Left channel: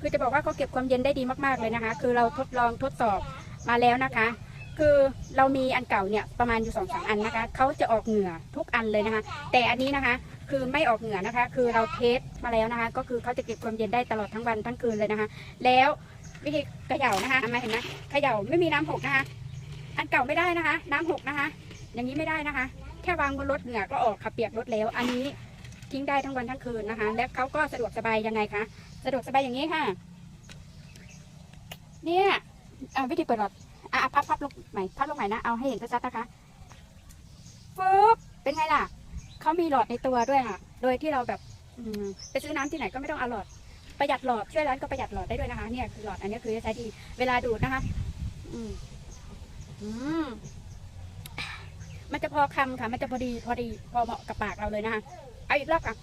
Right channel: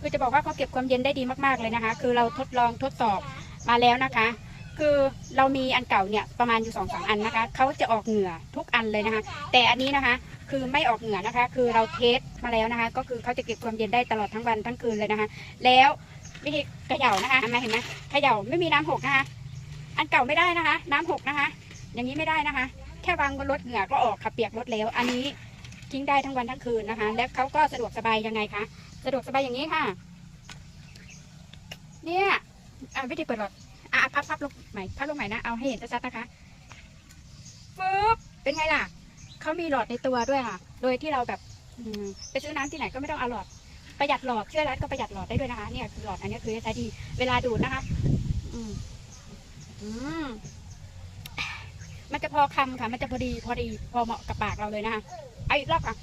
คือจะบอกว่าเขาเก็บความเย็นได้ดีมากๆเลยนะคะ คือเราทดลองทดสอบมาแล้วนะคะ คือเรามีอันเก่าเนี่ยประมาณอยู่สองสามอันนะคะเขาจะออกเหงื่อทุกอันเลยนะคะ แต่อันนี้นะคะคือไม่ออกเหงื่อนะคะ คือเราเทสมาแล้วนะคะ ก็คือเขาจะเก็บความเย็นได้ตลอดทั้งวันทั้งคืนเลยนะคะ แล้ววิธีเขย่านะคะเห็นไมเห็นไหมเขย่าไม่มีน้ำหกนะคะ อันเก่าไม่ได้นะคะ น้ำหกนะคะ อย่างนี้ไม่ได้นะคะ แค่วางบนรถเหงื่อก็ออกค่ะเปียกรถแล้ว อันนี้ทิ้งได้ทั้งวันทั้งคืนนะคะ แล้วเขาก็สะดวกสบายยังไงคะ สะดวกสบายอย่างนี้ค่ะ เนี่ยอะวิธีเปิดหลอดอะพับพับลงใหม่พับลงใหม่นะเอาให้เห็นชัดๆนะคะปึ๊บเป็นไงล่ะเขามีหลอดในตัวด้วยค่ะ โดยที่เราแบบไปซื้อน้ำที่ไหนก็ไม่ต้องเอาหลอดประหยัดหลอดเชื่อร้านก็ประหยัดหลอดได้ด้วยนะคะเนี่ยคือหลอดอันนี้คือใช้ดีเวลาดูดนะคะ อืมอืมมันจะพอคำค่ะ มันจะพอดีพอดีพอเหมาะกับปากเราเลยนะคะเอาอีกรอบค่ะ